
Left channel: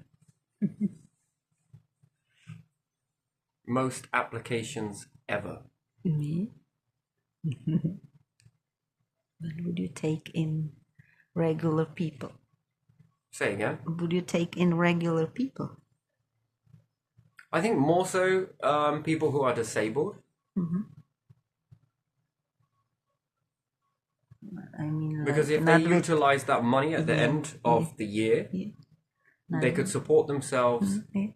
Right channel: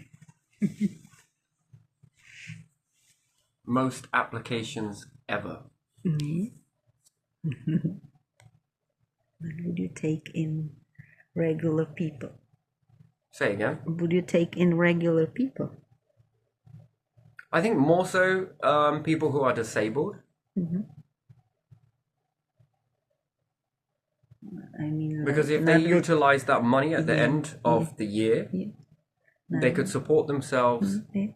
Most applications ever. But would you take in regular people? Say again. Would you take in regular people? I think more so people who are disabled. Mm-hmm. I mean, Because like if they not with, utilize that money at the yeah, end of the year, yeah, they could support themselves yeah,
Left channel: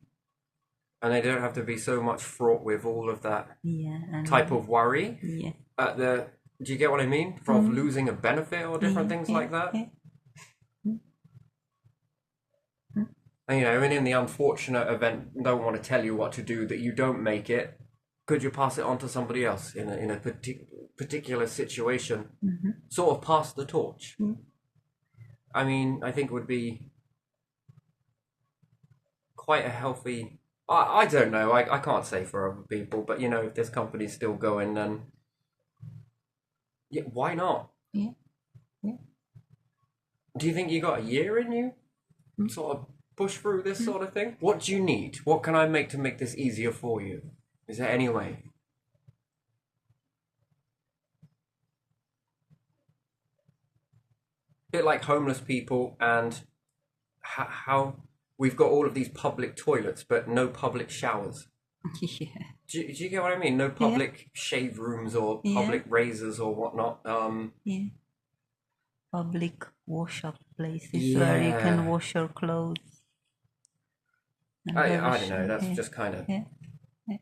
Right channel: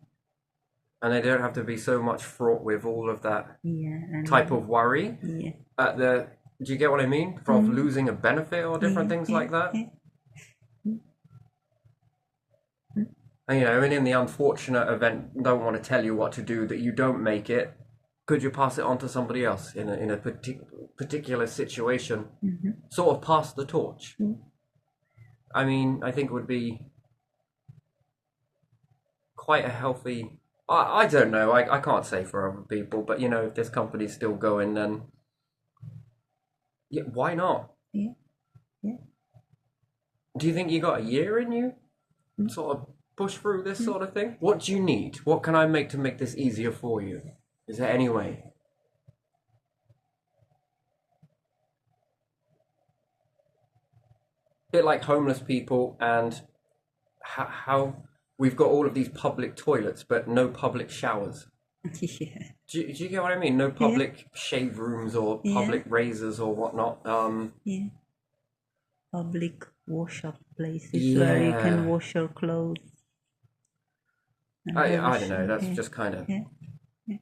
and they don't have to be so much fraught with all of that yeah, and type of worry yeah, at the, do you get what I mean? From losing a benefit or different things yeah, like that. yeah. And, you know, and in the unfortunate event, don't want to tell you what to do, that you don't make it, could you pass it on to somebody else in a particular situation? Sort of pass the torch. I mean, I think it would be quite a healthy. I don't know. I can't say for other people, but you know, if this company's still going, then yeah, why not? Yeah, yeah. Do you think you got a year in you? Sort of push through this sort of thing? What do you need? What can I make to make this easier for you? Is there any way? Bit like homeless people and how we've got all of these public toilets but no public showers. Yeah, Do you get what I mean? No public shave rooms or Yeah. public razors or whatnot. yeah. Public wash-up places where you can Yeah. wash your clothes. And I have a don't know. That's yeah, just kind of yeah, yeah.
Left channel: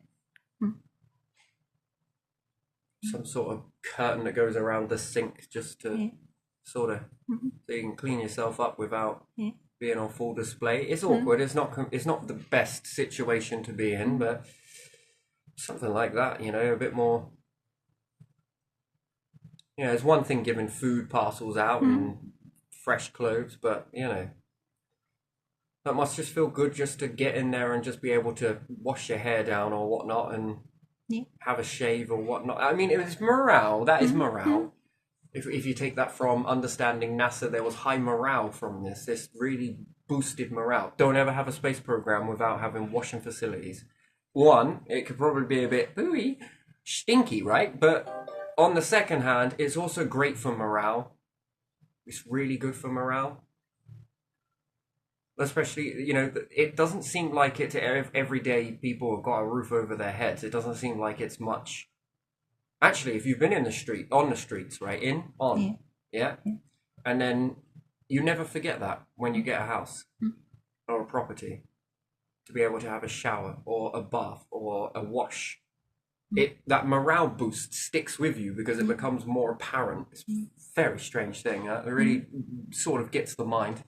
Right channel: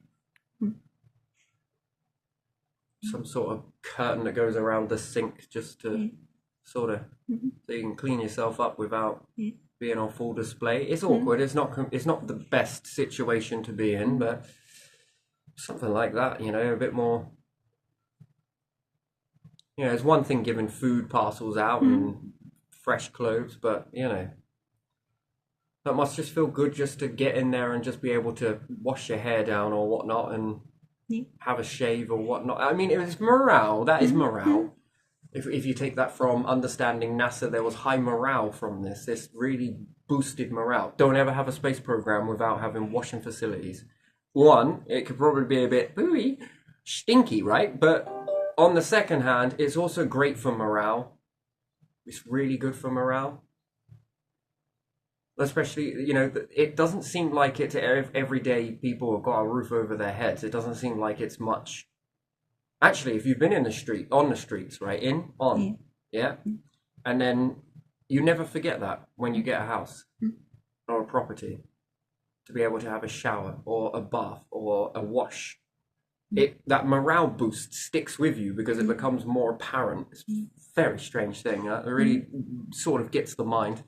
some sort of curtain that goes around the sink just to sort of so you can clean yourself up without Yeah. being on full display. It's awkward. It's not the best situation to be in, but something like that, you know, a bit more. You know, it's one thing giving food parcels out and fresh clothes, but you know, that must just feel good just to get in there and just be able to wash your hair down or whatnot and Yeah. have a shave or whatnot. I mean, it was morale. That is morale. If you take that from understanding NASA, there was high morale from this. This really boosted morale. Don't ever have a space program without having washing facilities. One, it could probably be a bit ooey, stinky, right? But on the second hand, it's also great for morale. It's really good for morale. Especially, you know, it doesn't seem like it to every day people have got a roof over their heads. It doesn't seem like it's much. Actually, if you've been in the street, on the streets, right? Yeah. And then you never forget that when you get a house or a property to be able to have a shower or a bath or a wash. That morale boost sticks with you because it becomes more apparent. It's a very strange thing. It really sort of gets the mind.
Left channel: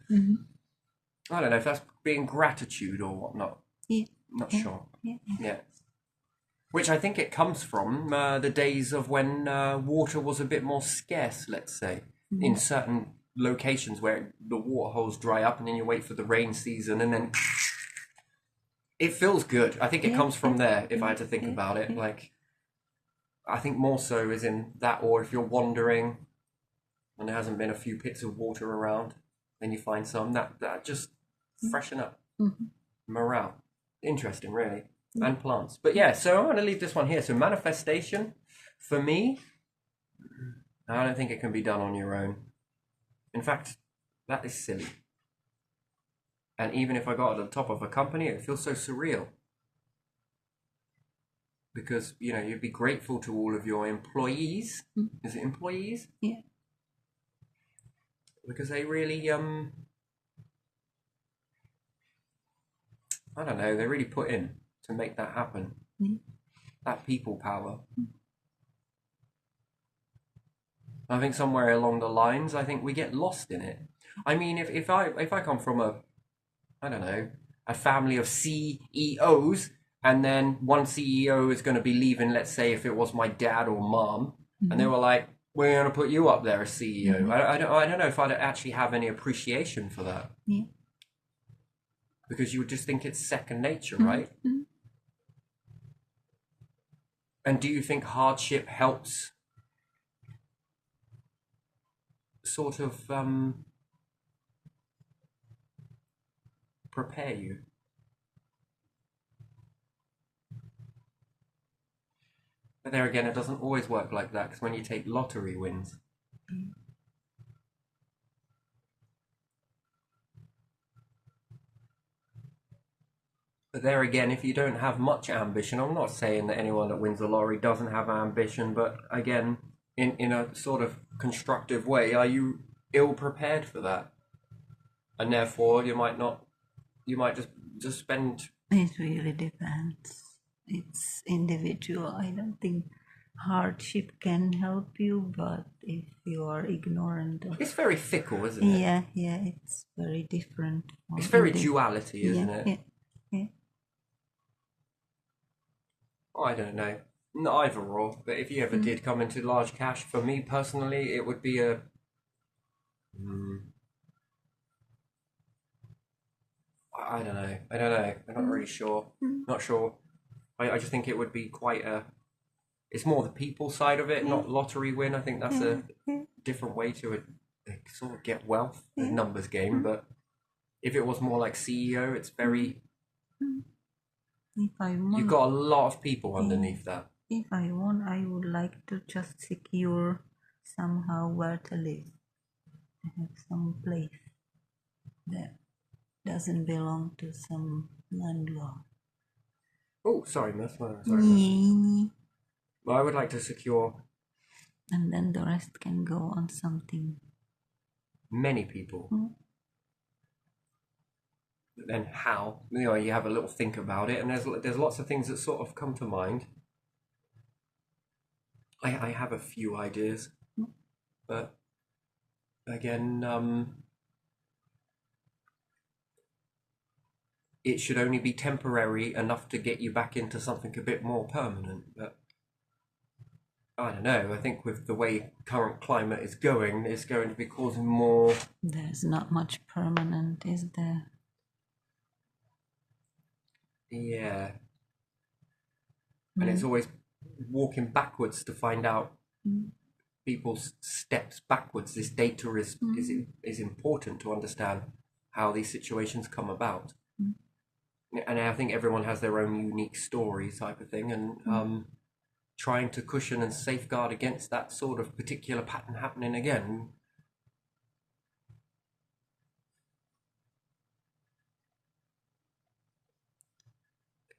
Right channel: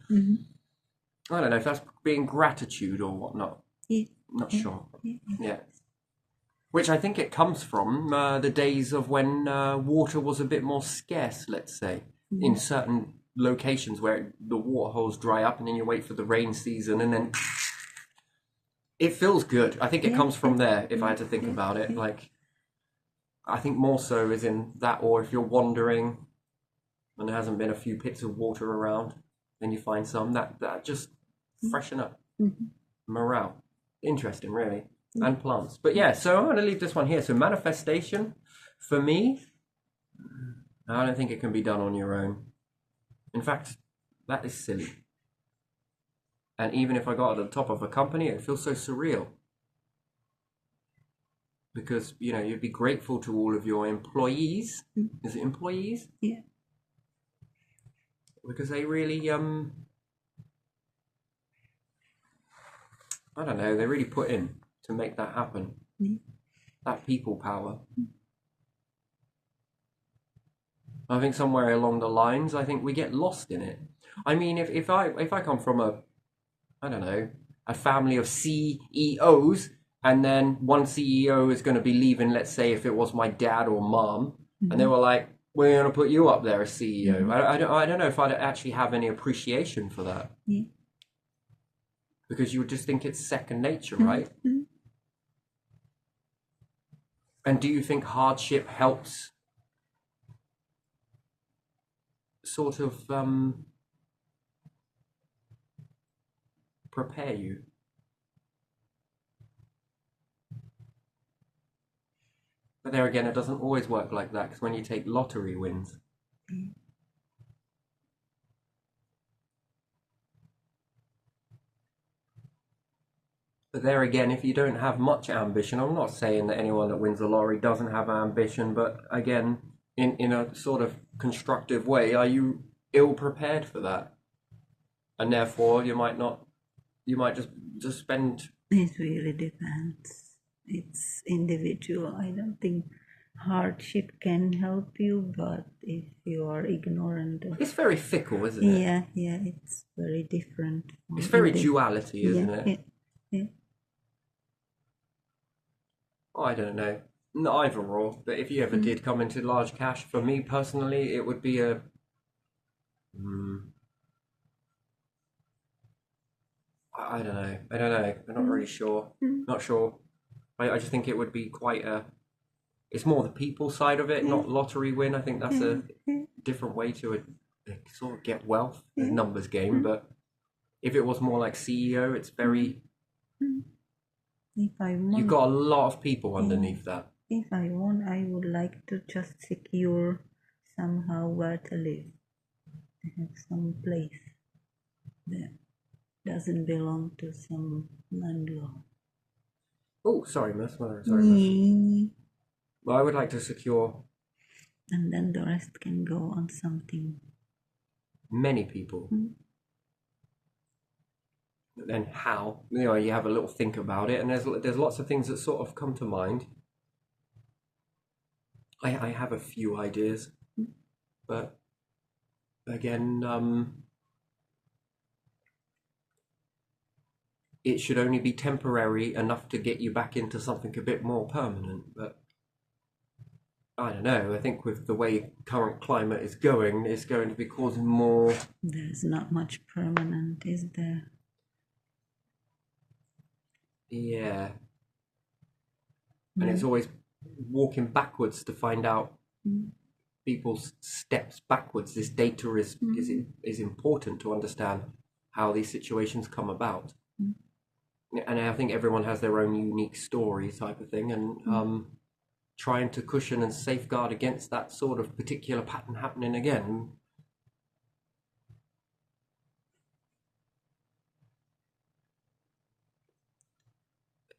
I don't know if that's being gratitude or whatnot. Yeah. Not sure. Yeah. Yeah. Which I think it comes from the days of when water was a bit more scarce, let's say, in certain locations where the water holes dry up and then you wait for the rain season and then it feels good. I think it comes from there, if I had to think about it. Like, I think more so is in that, or if you're wandering and there hasn't been a few pits of water around, then you find some that just freshen up morale. Interesting, really. And plants. But yeah, so I'm going to leave this one here. So manifestation, for me, I don't think it can be done on your own. In fact, that is silly. And even if I got at the top of a company, it feels so surreal. Because, you know, you'd be grateful to all of your employees. Is it employees? Yeah. Because they really, I don't know, they really put in to make that happen. That people power. I think somewhere along the lines, I think we get lost in it. I mean, if I come from I don't know, a family of CEOs, and then one CEO is going to be leaving, let's say if it was my dad or mom, and they were like, we're going to put you up there as CEO. I don't know if I'd actually have any appreciation for that. Yeah. Because you would just think it's second nature, right? And do you think hardship helps sort of prepare you? But there again, it doesn't always work like that, because when you take lottery wins, But there again, if you don't have much ambition, I'm not saying that anyone that wins the lottery doesn't have ambition, but again, in a sort of constructive way, are you ill prepared for that? And therefore, you might not, you might just spend. It really depends. It's individual. I don't think hardship can help you, but if you are ignorant of, It's very fickle, isn't it? yeah, it's very different. It's very duality, isn't yeah, it? yeah. I don't know. Either or, but if you ever did come into large cash, for me personally, it would be a. I don't know. I don't know. I'm not really sure. Not sure. I just think it would be quite a. It's more the people side of it, not lottery win. I think that's a different way to sort of get wealth, a numbers game. But if it was more like CEO, it's very. If I want, You've got a lot of people underneath that. if I want, I would like to just secure somehow where to live. I have some place that doesn't belong to some landlord. Oh, sorry, miss. Sorry, miss. Well, I would like to secure And then the rest can go on something. many people. But then how? You have a little think about it, and there's lots of things that sort of come to mind. I have a few ideas, but again, it should only be temporary enough to get you back into something a bit more permanent. But I don't know. I think with the way current climate is going, it's going to be causing more. There's not much permanent, is there? Yeah. And it's always walking backwards to find out people's steps backwards. This data is important to understand how these situations come about. And I think everyone has their own unique story type of thing, and trying to cushion and safeguard against that sort of particular pattern happening again.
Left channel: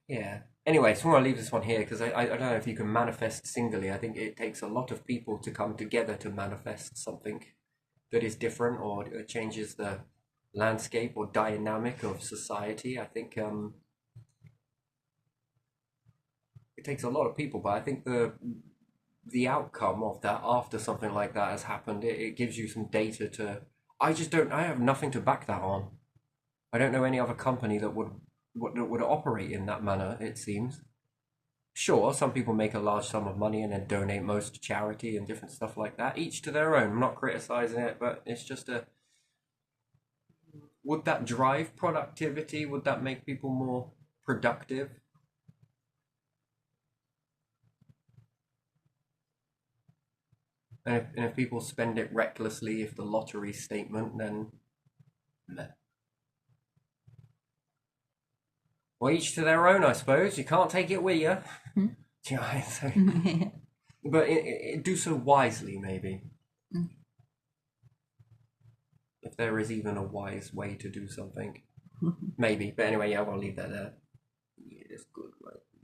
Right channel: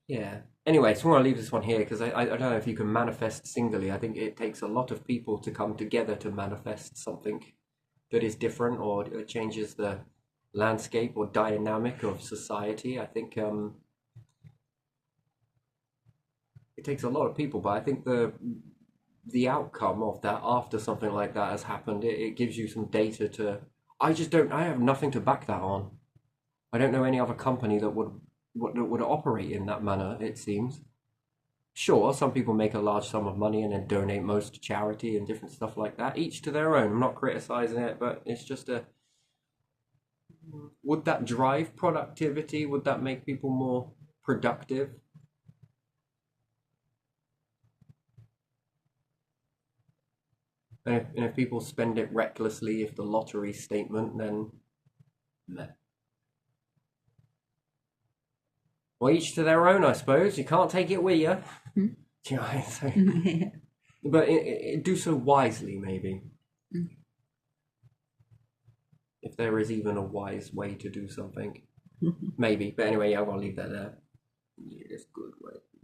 Yeah. Anyway, so I want to leave this one here because I don't know if you can manifest singly. I think it takes a lot of people to come together to manifest something that is different or changes the landscape or dynamic of society. I think it takes a lot of people, but I think the outcome of that after something like that has happened, it gives you some data to. I have nothing to back that on. I don't know any other company that would operate in that manner, it seems. Sure, some people make a large sum of money and then donate most to charity and different stuff like that. Each to their own. I'm not criticizing it, but it's just a. Would that drive productivity? Would that make people more productive? And if people spend it recklessly, if the lottery statement, then. Meh. Well, each to their own, I suppose. You can't take it with you. Do you know what I'm saying? But do so wisely, maybe. If there is even a wise way to do something. Maybe. But anyway, yeah, I'll leave that there. Yeah, that's good, right?